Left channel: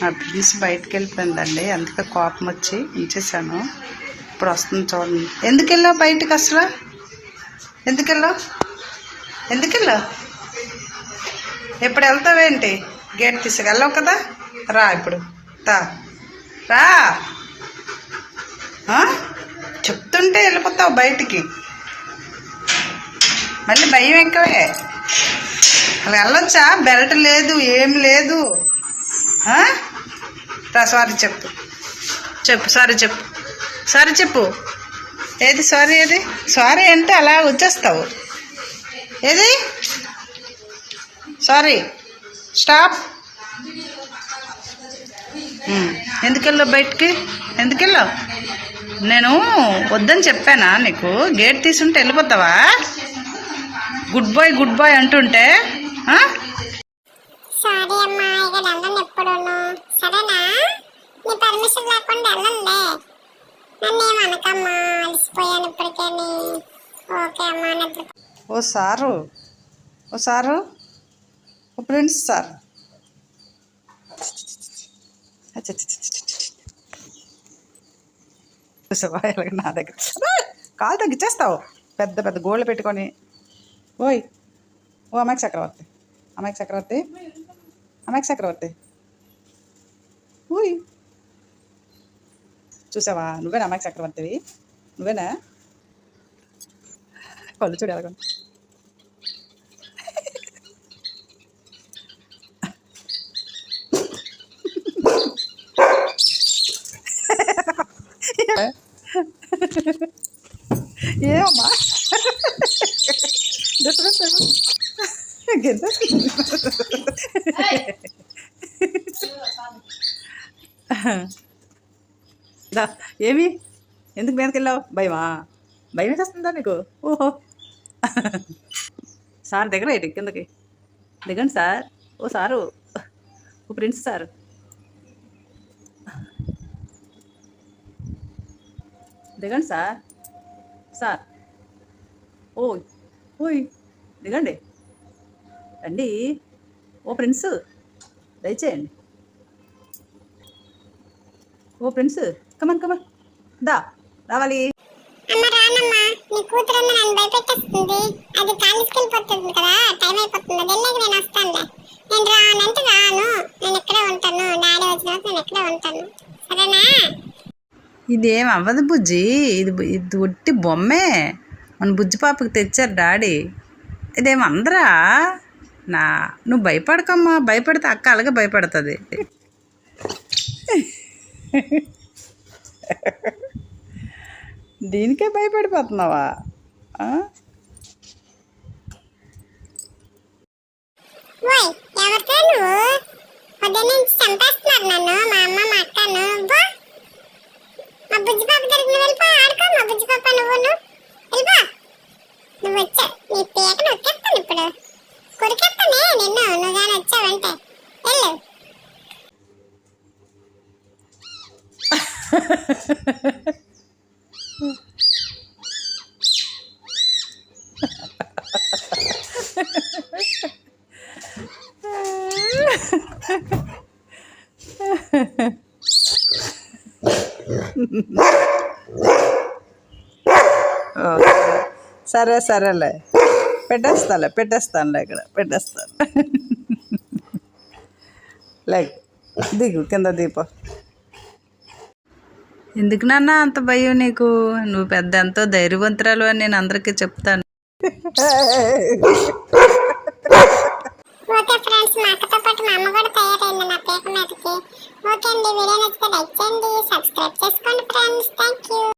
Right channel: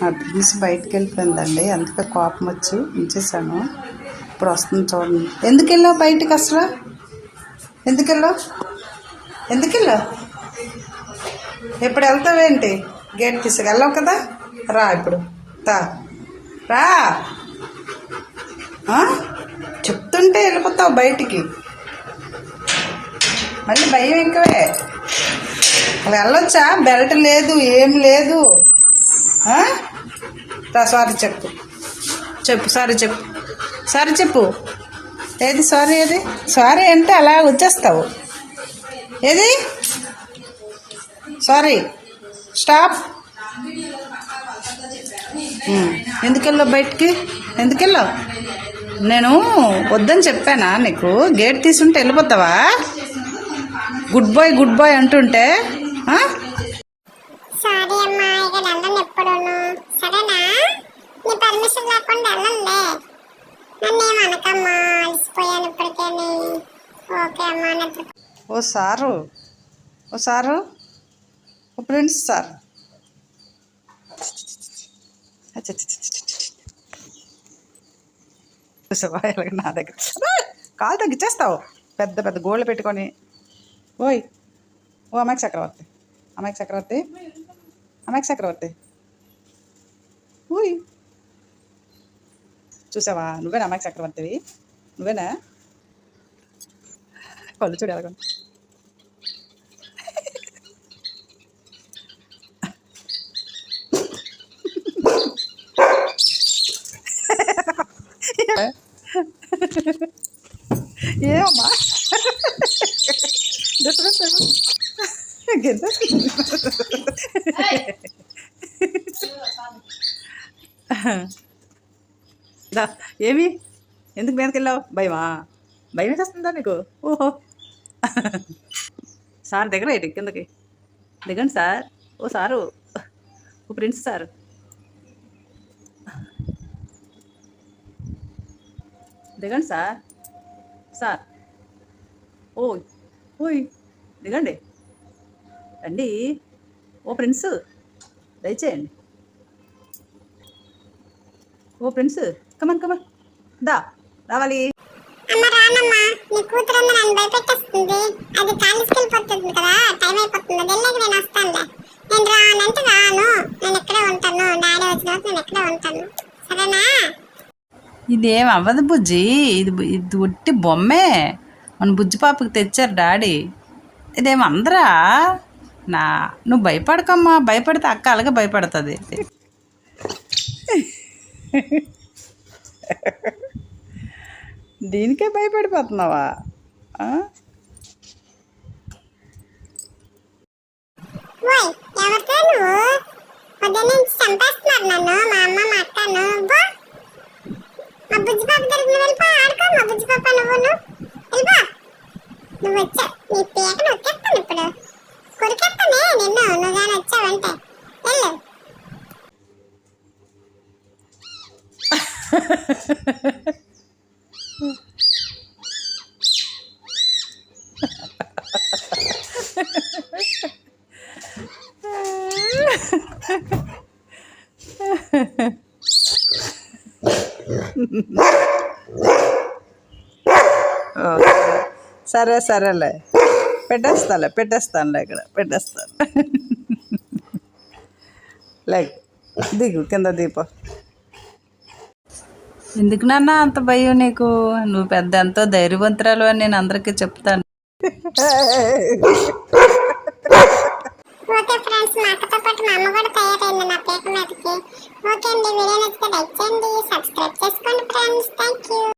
మా ప్రిన్స్ బయటకు వెళ్ళిపోయిందండి, అందుకే కోపం వచ్చి ఉంచేసాను. ఇప్పుడు వస్తుంది చూడండి. ఎందుకు వెళ్ళావు బయటకు అసలు? ఎందుకు వెళ్ళావు? ఎప్పుడు వెళ్తావేంటి? గేట్ తీసుకెళ్ళావు కదా, రా ఇప్పుడు. రా చెప్తుంటే వెళ్ళిపోతావు బయటికి. మళ్ళీ భయం ఎక్కువే. అలా వెళ్ళొచ్చా? బెల్ట్ లేదు, ఏం లేదు. సారీ చెప్పు. సారీ చెప్పు. ఏది సారీ? ఏది సారీ అంటే అలా వచ్చేస్తావు. ఏది సారీ? స్టాప్. ఎందుకెళ్ళావు బయటికి? ఎందుకెళ్ళావు? నేను వద్దని చెప్పానా నీకు? గేట్ తీసుంటే వెళ్ళిపోతావా? గుడ్ బాయ్ అంటుంటే సారీ అమ్మా, ఇక లండన్ ఎప్పుడును. సరేనా? నీ పర్మిషన్ లేకుండా వెళ్ళండి. నన్ను ఏమనకమ్మా, అలసిపోయాను ఇప్పటికేని. ఓకే అమ్మా. ఓ సారు ఓ ప్రిన్స్ సార్. నా దగ్గర కాలు తగ్గిచ్చేస్తావు, పెద్ద పెద్ద గోళ్ళు పెట్టుకొని. ఓ అమ్మాయి చక్రవర్తి. ఓయ్ చూసావా? నువ్వేనా అమ్మాయి చక్రవర్తివి? నువ్వేనా? కళ్ళు చూడు ఎలాగ. ఏమమ్మా ఏమి? ఎందుకు మీదకి వెళ్ళావు? భయం వేసేస్తుందా నీకు? ఓహో. సార్ దగ్గర ఏంటి? కిందకి దిగండి సార్. ఓ సారు, ఓ ప్రిన్స్ సార్. దిగండి సార్. ఓయ్ దిగండి, రండి. ఓ ప్రిన్స్, దయచేయండి. ఓ ప్రిన్స్, కమన్ దా, రావాలి. అమ్మ రానమ్మా, నీ కూతురు నన్ను భయపెట్టేస్తుంది. అది కాలేజ్కి వెళ్ళిపోతుంది కదా, టైం అయిపోతుంది. వెళ్ళాక నేను వస్తానులే. నేను రానంటే రాను, నేను ఎక్కడే ఉంటాను. డాడీ వచ్చిన నేను ఎక్కడే ఉంటాను. సరేనా? ఇదేం అవ్వదు బుజ్జి, ఇది ఒట్టి బొమ్మే. మన బుజ్జి పాపకి తెచ్చారు డాడీ. ఇదేం అందరా? నువ్వు భయపడకమ్మా. భయపడితే అక్క అలాగే భయపడుతుంది. దీనికే భయపడిపోతున్నావా? సరేలే, పెట్టేస్తానులే, ఇక్కడ పెట్టేస్తాను. లైక్ దిగు, కింద దీప. ఎందుకు నాన్న అంత భయం నీకు? నువ్వు పెద్ద ఎంతో ధైర్యవంతురాలు అని నేను అందరికీ చెప్తాను.